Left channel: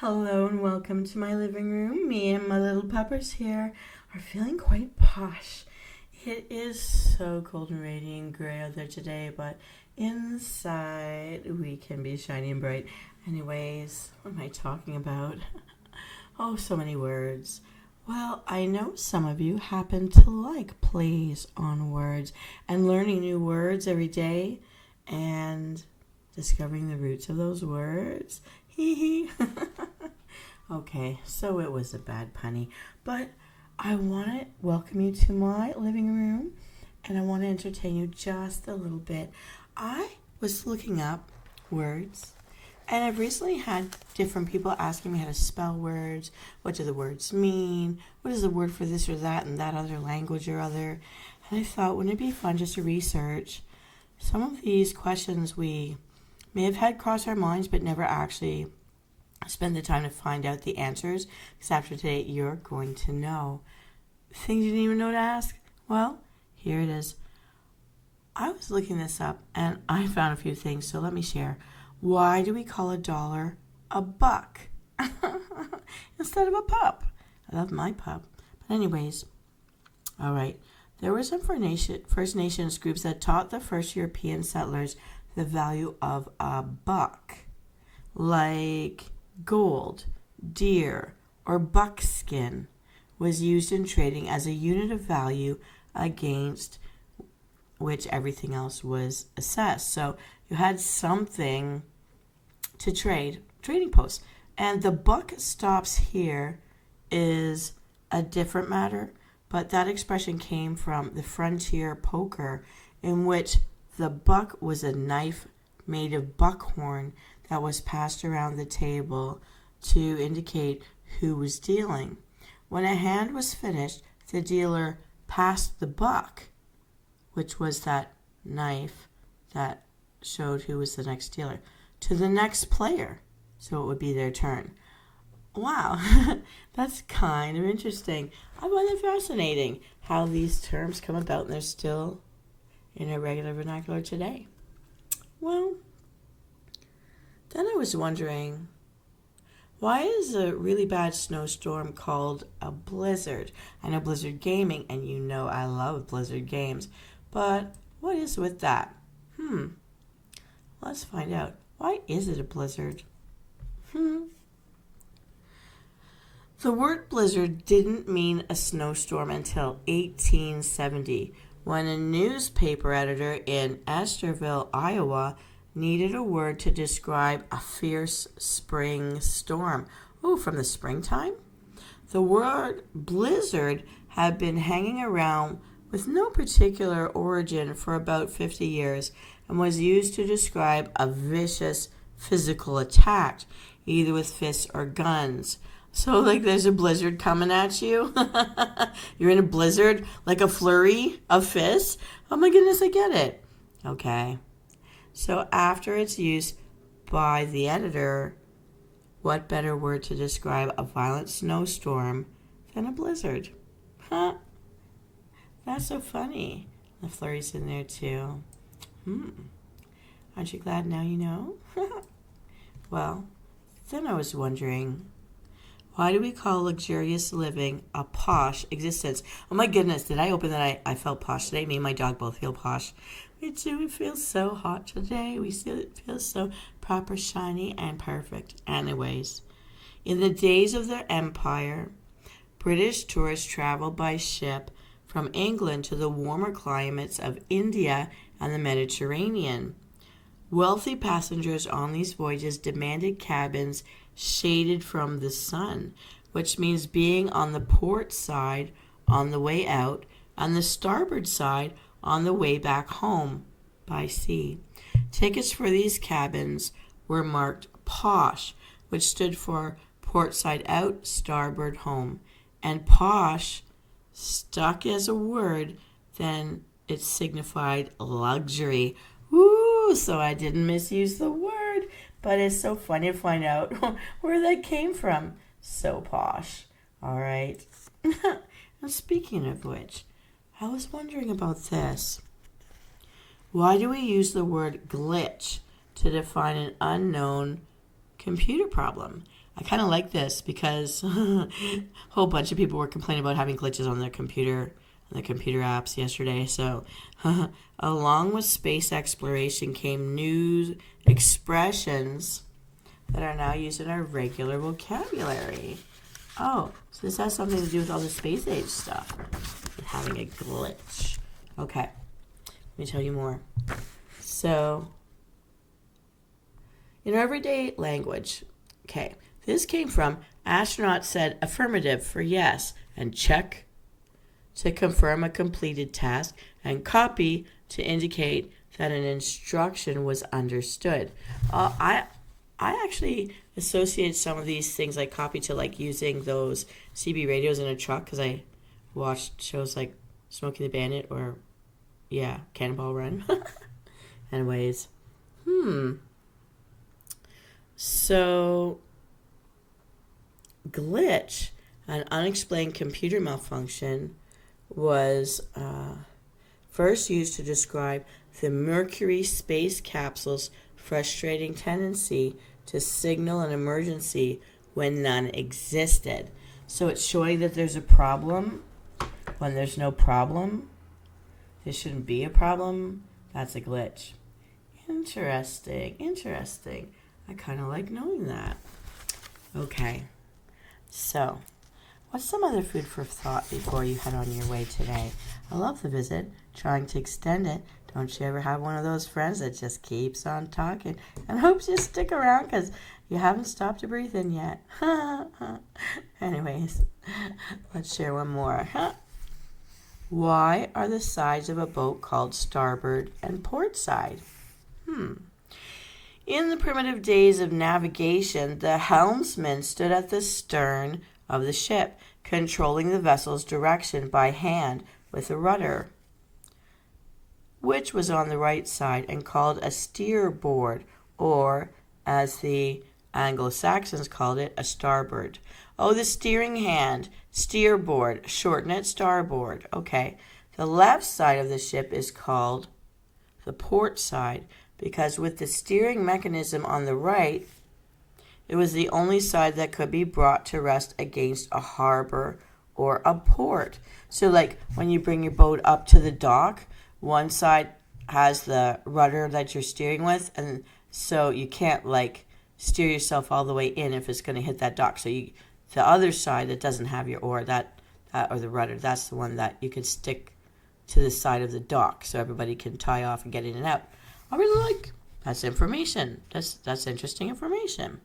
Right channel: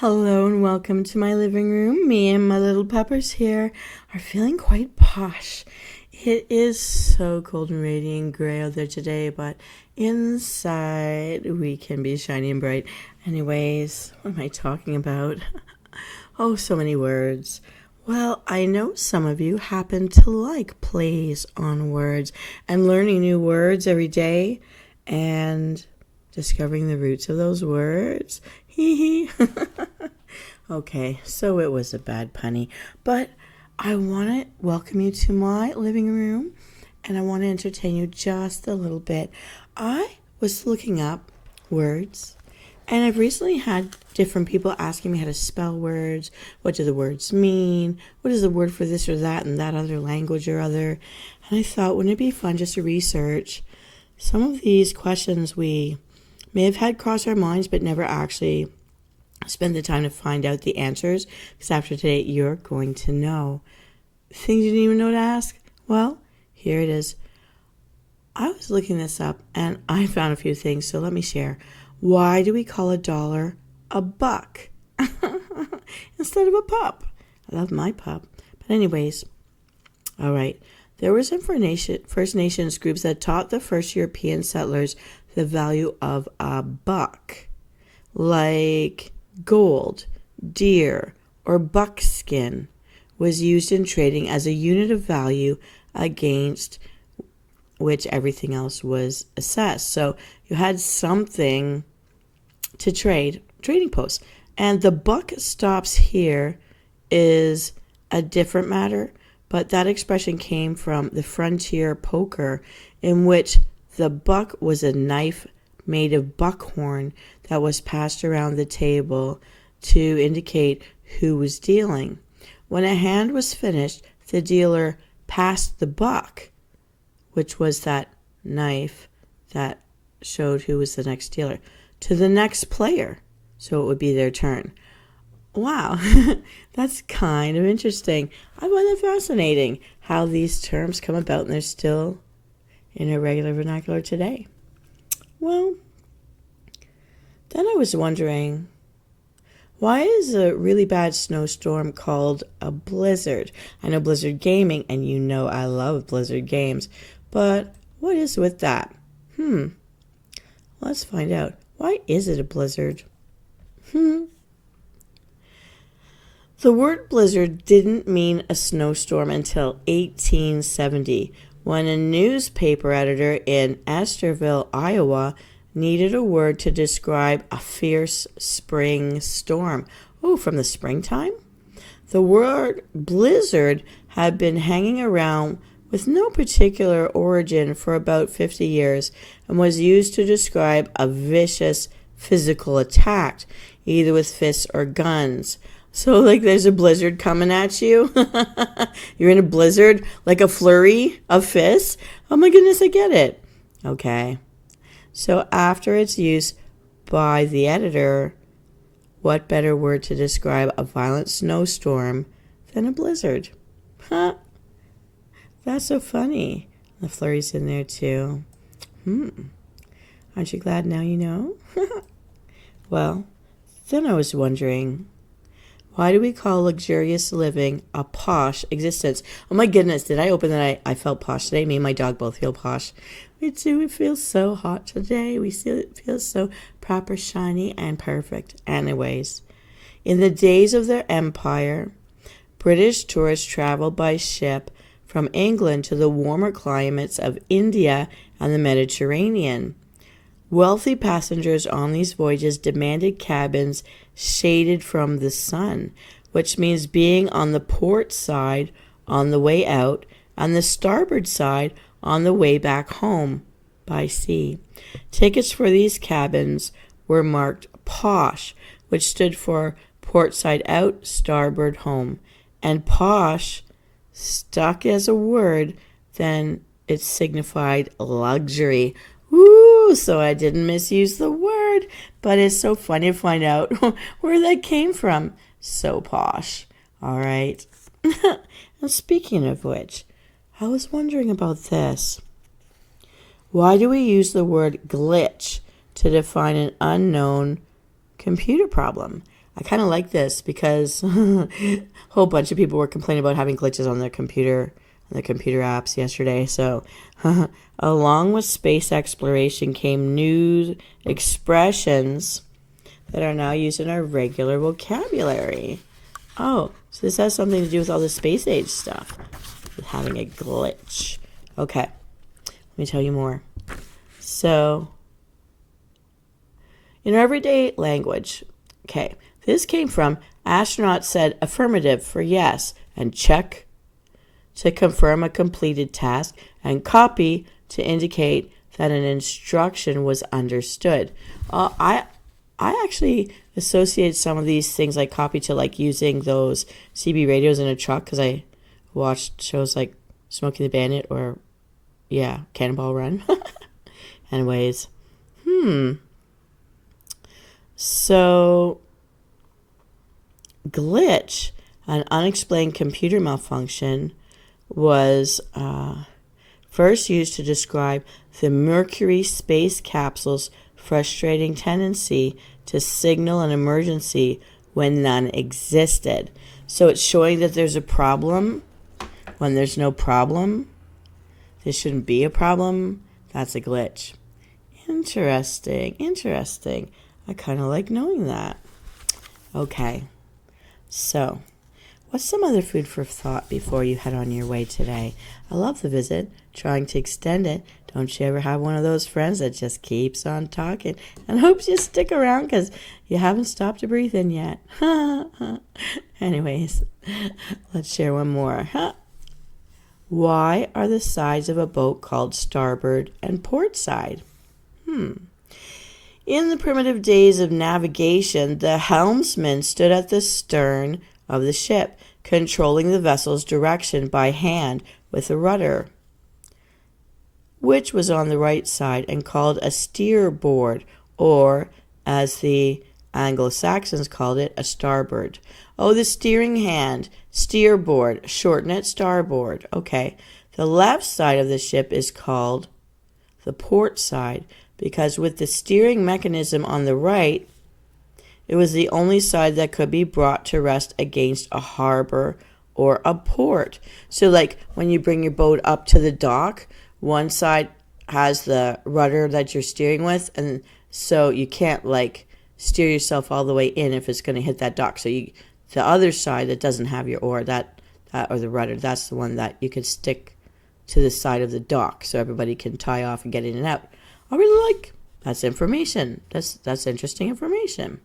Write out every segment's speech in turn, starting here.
Hello and welcome to my living room. Me and my little peppers here are feeling quite posh. It is so cold and rainy and gray out there today, but inside we can be shiny and bright. Anyways, what am I talking about? Oh, so many words. Well, I know some of you happen to like plays on words and learning new words every day and discovering the roots of those words. Hee hee. Okay, so it was a bad punny, but I want to welcome you to my living room and I want to entertain you just a little bit. I was looking up words and I've recently had different people asking me how to spell words. What do the words mean? What is the word for this or that in that other language or other? And I thought, wouldn't it be fun just to research some of these questions we may have had cross our minds but never actually spend the time to find out the answers, because after today you're going to know things you didn't even know to ask. Well, here it is. I was looking this up and I found a few things, so let me share. Why do we call a dollar a buck instead of a pup? I love my pup. But anyways, all right. There were some First Nations groups that taught the first European settlers the value of a buck, like gold, deer, or buckskin was used in trading as a unit of value against which everything else was assessed. So you had something to trade, trading post. And the buck stops here is a different matter, but that expression came from the frontier poker, in which the buck was a knife made of buckhorn that was passed around the table to indicate who was dealing. When a hand was finished, the dealer passed the buck, which was that knife that showed who was the next dealer, to the next player, so it would be their turn. Wow, that's kind of interesting. I find it fascinating how these terms come about and they're still in our regular vernacular today. Well, then I was wondering, why is a really bad snowstorm called a blizzard? I know Blizzard Gaming, and you know I love Blizzard games, but what is with that? Let's find out. Why is it a blizzard? The word blizzard didn't mean a snowstorm until 1870, when a newspaper editor in Estherville, Iowa, needed a word to describe a fierce spring storm. Oh, from the springtime? The word blizzard had been hanging around with no particular origin for about 50 years and was used to describe a vicious physical attack, either with fists or guns. So, like, there's a blizzard coming at you. You're in a blizzard, like a flurry of fists. Oh my goodness, I get it. Okay. So after its use by the editor, what better word to describe a violent snowstorm than a blizzard? Huh? That's so funny. The flurry's in there too. Aren't you glad now you know? Well, then I was wondering, why do we call luxurious living a posh existence? Oh my goodness, did I open that? I felt posh today. Me and my dog both feel posh. We do. It feels so hot today. It feels so proper, shiny, and perfect. Anyways, in the days of their empire, British tourists traveled by ship from England to the warmer climates of India and the Mediterranean. Wealthy passengers on these voyages demanded cabins shaded from the sun, which means being on the port side on the way out and the starboard side on the way back home by sea. Tickets for these cabins were marked Posh, which stood for port side out, starboard home. And posh stuck as a word, then it signified luxury. Woo! So I didn't misuse the word, but it's so funny to find out where that came from. So posh. All right. And speaking of which, I was wondering about this. Why do we use the word glitch to define an unknown computer problem? I kind of like this because a whole bunch of people were complaining about having glitches on their computer, on the computer apps yesterday. So, along with space exploration came new expressions that are now used in our regular vocabulary. Oh, so this has something to do with all the space age stuff, with having a glitch. Okay, let me tell you more. So, in our everyday language, okay, this came from astronaut said affirmative for yes, and check to confirm a completed task, and copy to indicate that an instruction was understood. I actually associate some of these things like copy to like using those CB radios in a truck because I watched shows like Smokey the Bandit or, yeah, Cannonball Run. Anyways, so glitch, an unexplained computer malfunction, was first used to describe the Mercury space capsule's frustrating tendency to signal an emergency when none existed. So it's showing that there's a problem when there's no problem. There shouldn't be a problem. That's a glitch. Interesting. I kind of like knowing that. Okay. So, what's some other food for thought before you head on your way today? I love the visit, trying to extend it. Don't you ever have one of those friends that just keeps on talking and hopes you stick around because you haven't stopped to breathe in yet? Anyways, let's share one more. Why are the sides of a boat called starboard and port side? In the primitive days of navigation, the helmsman stood at the stern of the ship, controlling the vessel's direction by hand with a rudder, which was on the right side and called a steerboard, or, as the Anglo-Saxons called it, a starboard. Oh, the steering hand, steerboard, shorten it starboard. Okay, the left side of the ship is called the port side, because with the steering mechanism on the right, it was the only side that could be brought to rest against a harbor or a port. So like when you bring your boat up to the dock, one side has the rudder that you're steering with, and so you can't like steer yourself all the way in if it's going to hit that dock. So the other side that doesn't have your oar, that or the rudder, that's the one that you can stick to the side of the dock so everybody can tie off and get in and out. I really like that's information. That's interesting information.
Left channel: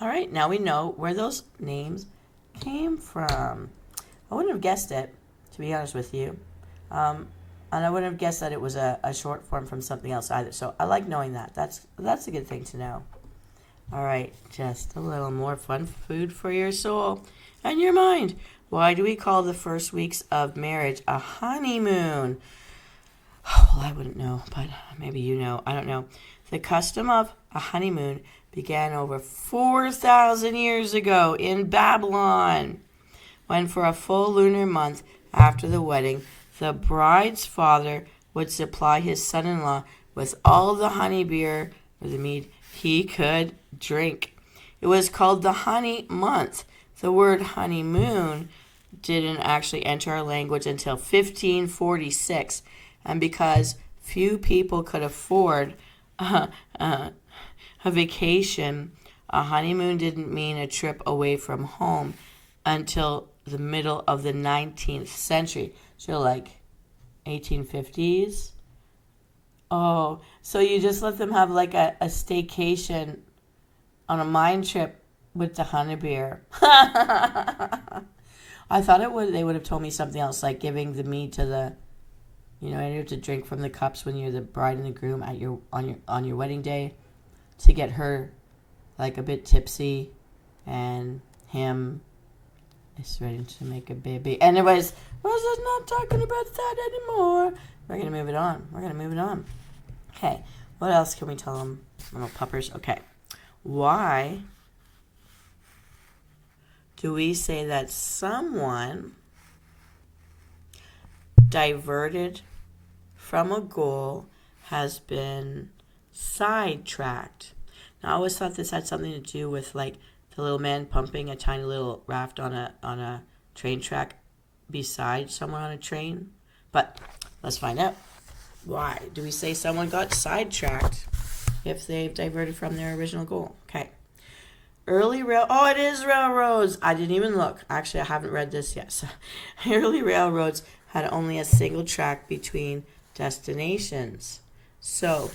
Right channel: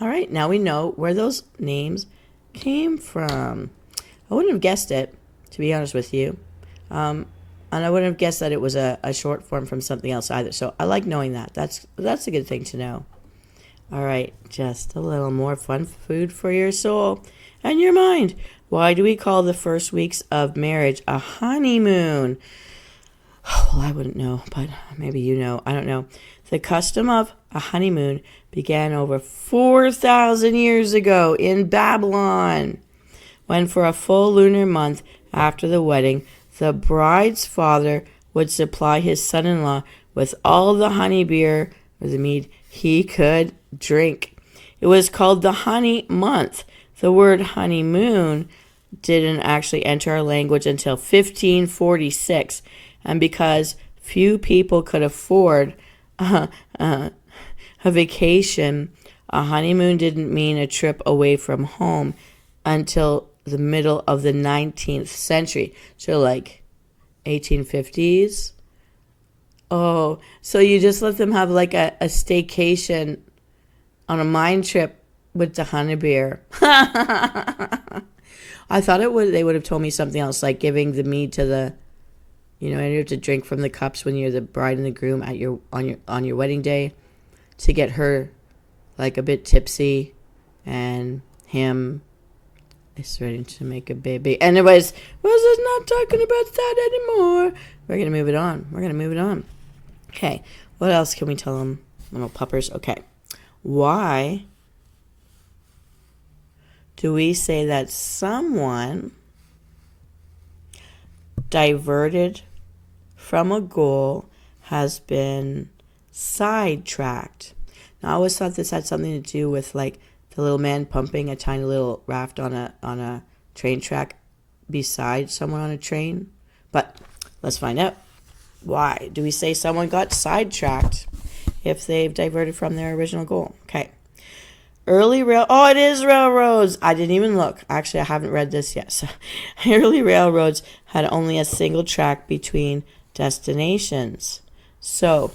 All right, now we know where those names came from. I wouldn't have guessed it, to be honest with you. And I wouldn't have guessed that it was a short form from something else either. So I like knowing that. That's a good thing to know. All right, just a little more fun food for your soul and your mind. Why do we call the first weeks of marriage a honeymoon? Well, I wouldn't know, but maybe you know. I don't know. The custom of a honeymoon began over 4,000 years ago in Babylon, when for a full lunar month after the wedding, the bride's father would supply his son-in-law with all the honey beer, or the mead, he could drink. It was called the honey month. The word honeymoon didn't actually enter our language until 1546, and because few people could afford a vacation, a honeymoon didn't mean a trip away from home until the middle of the 19th century. So like 1850s. Oh, so you just let them have like a staycation on a mine trip with the honey beer. I thought they would have told me something else, like giving the mead to the, you have to drink from the cups when you're the bride and the groom at on your wedding day, to get her like a bit tipsy, and him is ready to make a baby. Anyways, we're not talking about that anymore. We're gonna move it on. Okay, what else can we tell them, little puppers? Okay, why do we say that someone diverted from a goal has been sidetracked? Now, I always thought this had something to do with like the little man pumping a tiny little raft on a train track beside someone on a train. But let's find out. Why do we say someone got sidetracked if they've diverted from their original goal? Okay. It is railroads. I didn't even look. Actually, I haven't read this yet. So, early railroads had only a single track between destinations. So,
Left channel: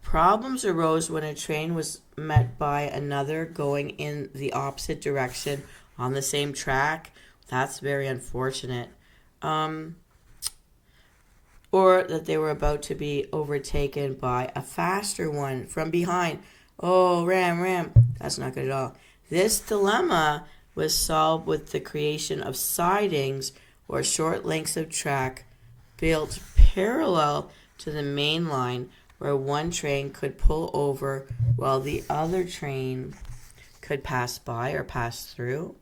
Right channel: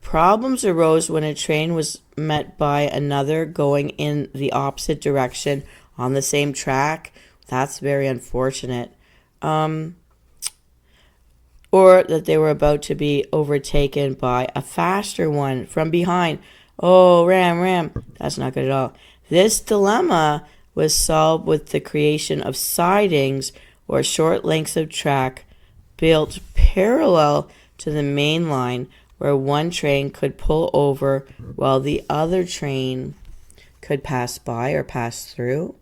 problems arose when a train was met by another going in the opposite direction on the same track. That's very unfortunate. Or that they were about to be overtaken by a faster one from behind. Oh, ram. That's not good at all. This dilemma was solved with the creation of sidings, or short lengths of track built parallel to the main line, where one train could pull over while the other train could pass by or pass through.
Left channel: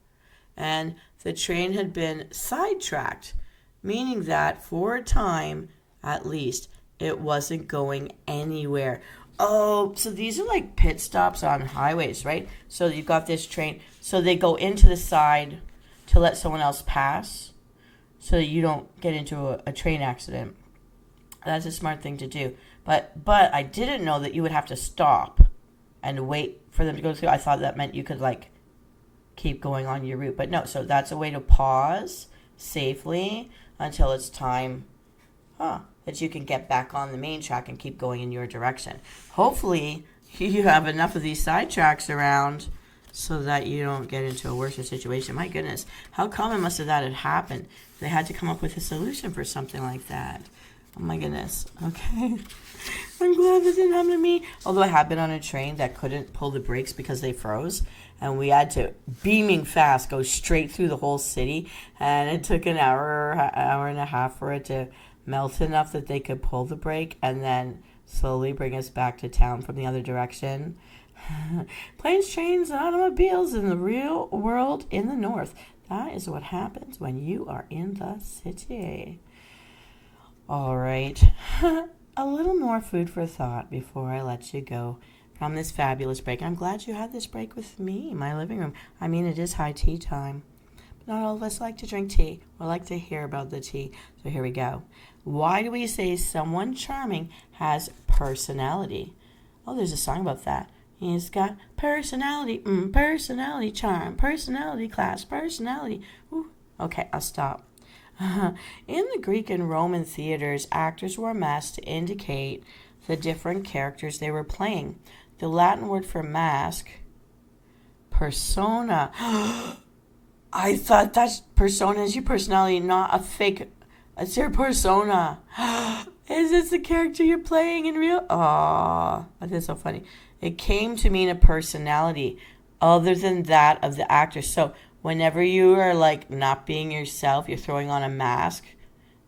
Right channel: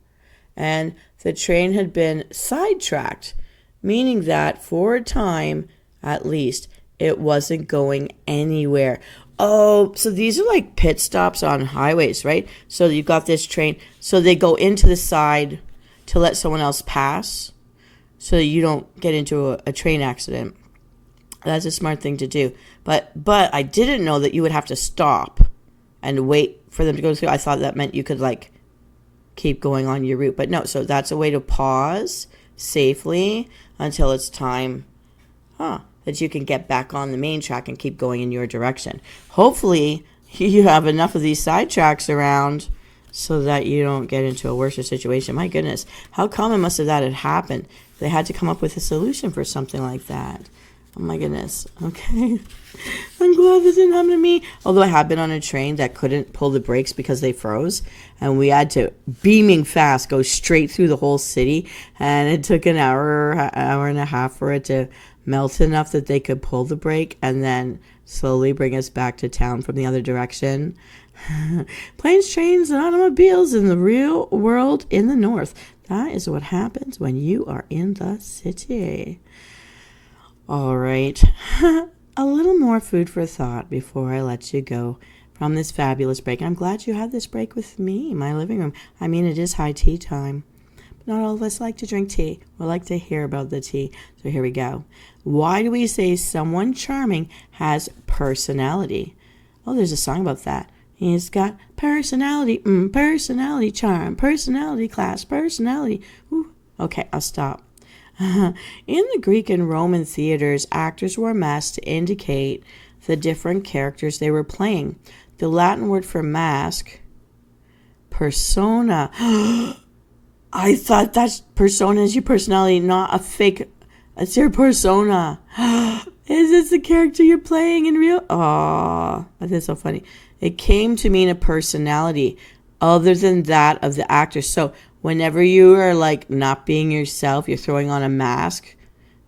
And the train had been sidetracked, meaning that for a time, at least, it wasn't going anywhere. Oh, so these are like pit stops on highways, right? So you've got this train. So they go into the side to let someone else pass so that you don't get into a train accident. That's a smart thing to do. But I didn't know that you would have to stop and wait for them to go through. I thought that meant you could like keep going on your route. But no, so that's a way to pause safely until it's time that you can get back on the main track and keep going in your direction. Hopefully, you have enough of these side tracks around so that you don't get into a worse situation. My goodness, how common must have that had happened? They had to come up with a solution for something like that. Oh my goodness. Okay. I'm glad this didn't happen to me. Although I have been on a train that couldn't pull the brakes because they froze. And we had to, beaming fast, go straight through the whole city. And it took an hour and a half for it to melt enough that they could pull the brake and then slowly bring us back to town from the other direction. Planes, trains, and automobiles in the real world in the north. That is what happens when you are in the city. All right. A little more food for thought before I let you go from this fabulous break. I'm glad you had this break with me in my living room. I mean, it is high tea time. Not all of us like to drink tea. We like to hear about the tea. So here we go. Why do we say someone charming has personality? Oh, there's a song about that. He's got personality, personality, charm, personality, class, personality. Ooh. Okay, I'll stop. In the Greek and Roman theaters, actors wore masks to indicate the different characters they were playing. The Latin word for mask, persona. I thought that persona is your personality, not a fake. It's your persona. Is this the character you're playing in real? Oh, that is so funny. It came to mean a personality other than that of the actor. So whenever you are like not being yourself, you're throwing on a mask,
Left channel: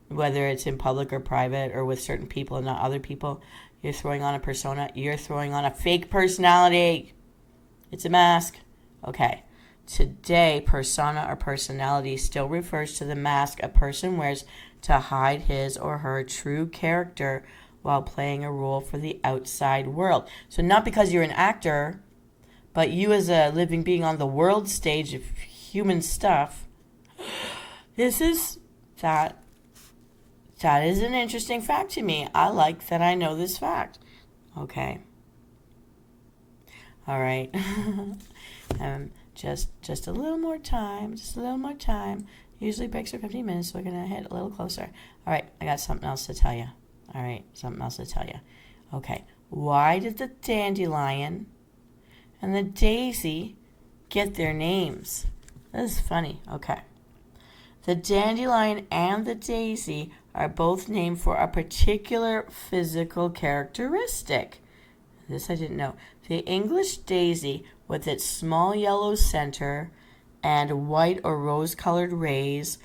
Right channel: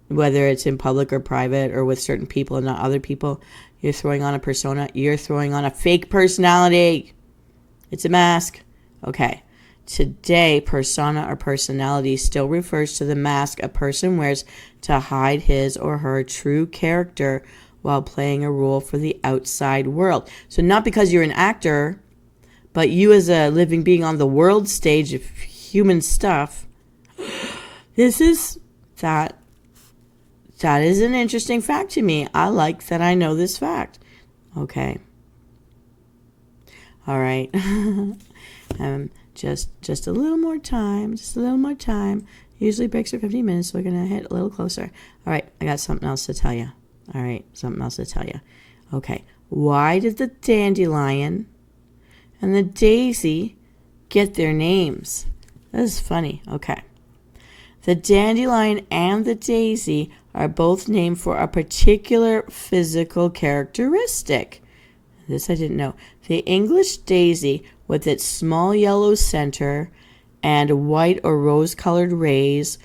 whether it's in public or private or with certain people and not other people, you're throwing on a persona. You're throwing on a fake personality. It's a mask. Okay. Today, persona or personality still refers to the mask a person wears to hide his or her true character while playing a role for the outside world. So not because you're an actor, but you as a living being on the world stage of human stuff. That is an interesting fact to me. I like that I know this fact. Okay. All right. Just a little more time. Usually breaks are 15 minutes, so we're going to hit a little closer. All right, I got something else to tell you. Okay, why did the dandelion and the daisy get their names? That is funny. Okay. The dandelion and the daisy are both named for a particular physical characteristic. This I didn't know. The English daisy, with its small yellow center and white or rose-colored rays,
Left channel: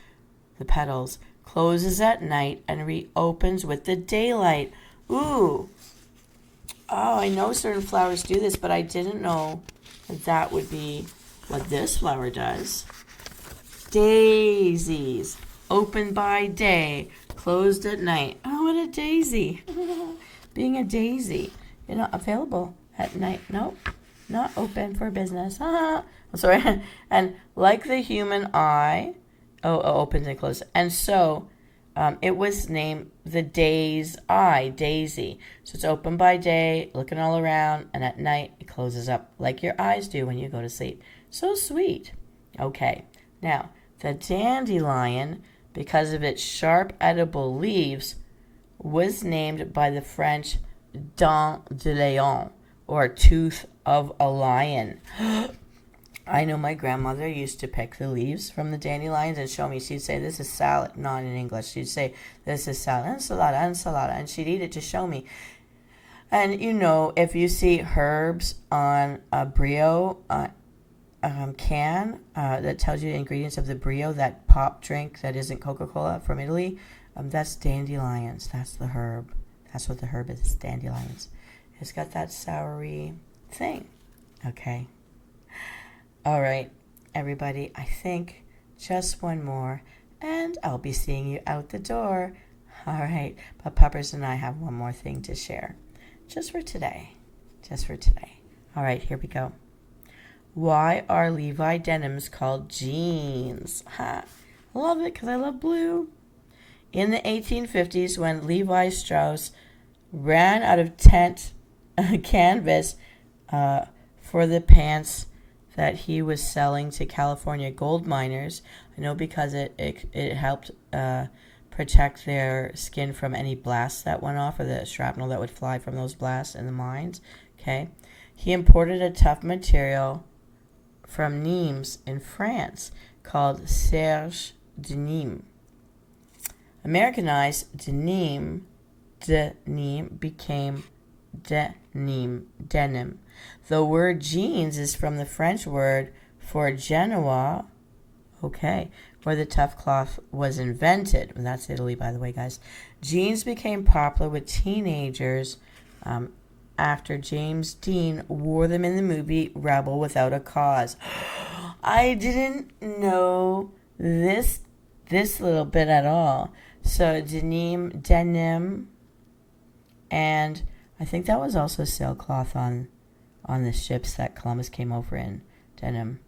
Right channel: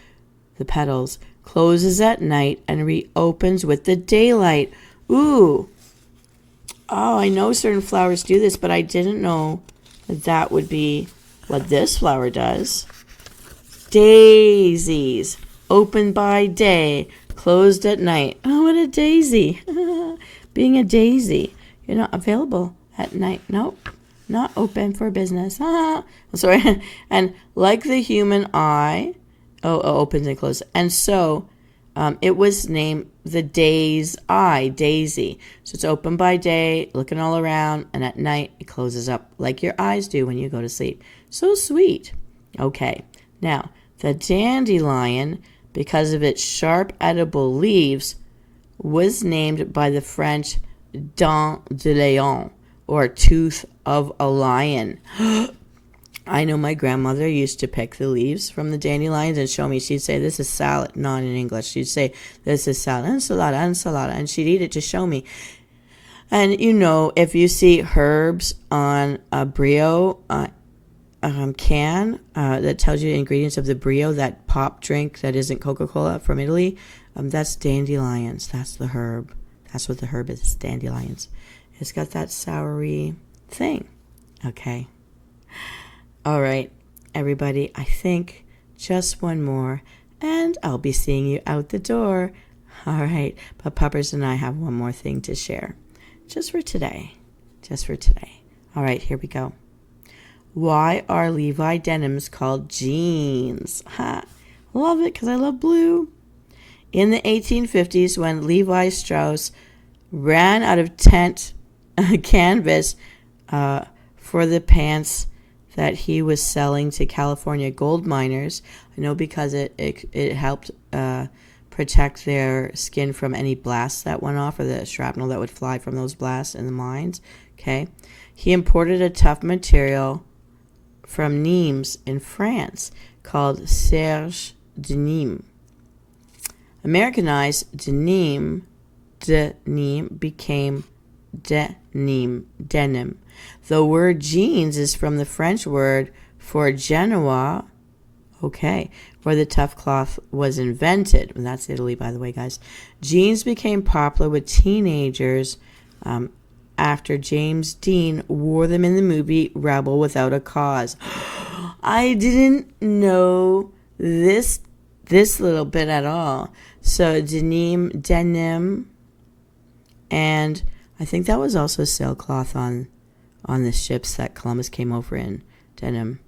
the petals, closes at night and reopens with the daylight. Ooh. Oh, I know certain flowers do this, but I didn't know that would be what this flower does. Daisies, open by day, closed at night. Oh, what a daisy. Being a daisy. You're not available at night. Nope. not open for business. Sorry. And like the human eye, opens and closes. And so it was named the day's eye, Daisy. So it's open by day, looking all around, and at night it closes up like your eyes do when you go to sleep. So sweet. Okay, now the dandelion, because of its sharp edible leaves, was named by the French dent de lion, or tooth of a lion. I know my grandmother used to pick the leaves from the dandelions and show me. She'd say, this is salad, not in English. She'd say, this is salad, ensalada, ensalada, and she'd eat it to show me. And you know, if you see herbs on a brio can that tells you the ingredients of the brio, that pop drink that isn't Coca-Cola from Italy, that's dandelions. That's the herb. That's what the herb is. It's dandelions. It's got that soury thing. Okay. All right, everybody. I think just one more, and I'll be seeing you out the door. All right. But Puppers and I have one more thing to share. Just for today. Just for today. All right, here we go. Why are Levi denims called jeans? Ha! Love it because I love blue. In the 1850s, when Levi Strauss ran out of tent canvas for the pants that he was selling to California gold miners, I know because it helped protect their skin from any blasts that went off, or the shrapnel that would fly from those blasts in the mines. Okay, he imported a tough material from Nimes in France called serge de Nîmes. Americanized denim became denim. The word jeans is from the French word for Genoa, where the tough cloth was invented. And that's Italy, by the way, guys. Jeans became popular with teenagers after James Dean wore them in the movie Rebel Without a Cause. I didn't know this little bit at all. So denim, and I think that was also sailcloth on the ships that Columbus came over in. Denim,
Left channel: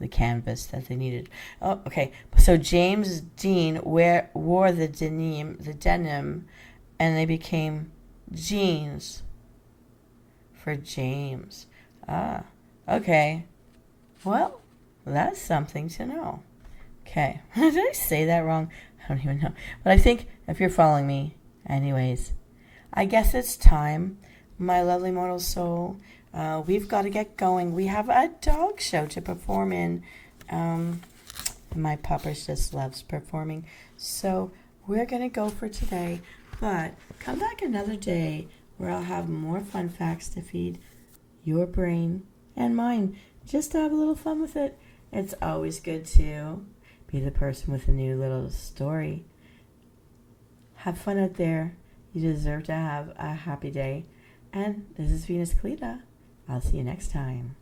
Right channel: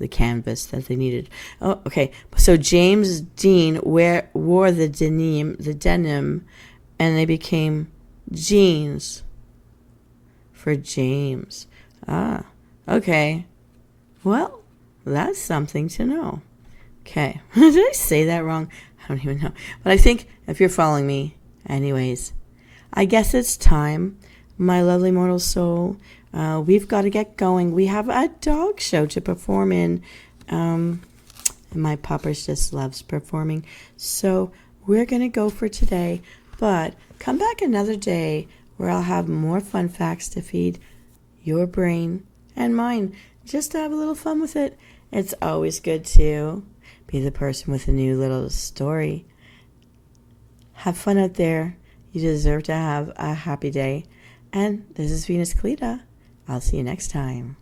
the canvas that they needed. Oh, okay. So James Dean wore the denim, and they became jeans for James. Okay. Well, that's something to know. Okay. Did I say that wrong? I don't even know. But I think if you're following me, anyways, I guess it's time, my lovely mortal soul. We've got to get going. We have a dog show to perform in. My puppers just loves performing. So we're going to go for today. But come back another day where I'll have more fun facts to feed your brain and mine. Just to have a little fun with it. It's always good to be the person with a new little story. Have fun out there. You deserve to have a happy day. And this is Venus Kalita. I'll see you next time.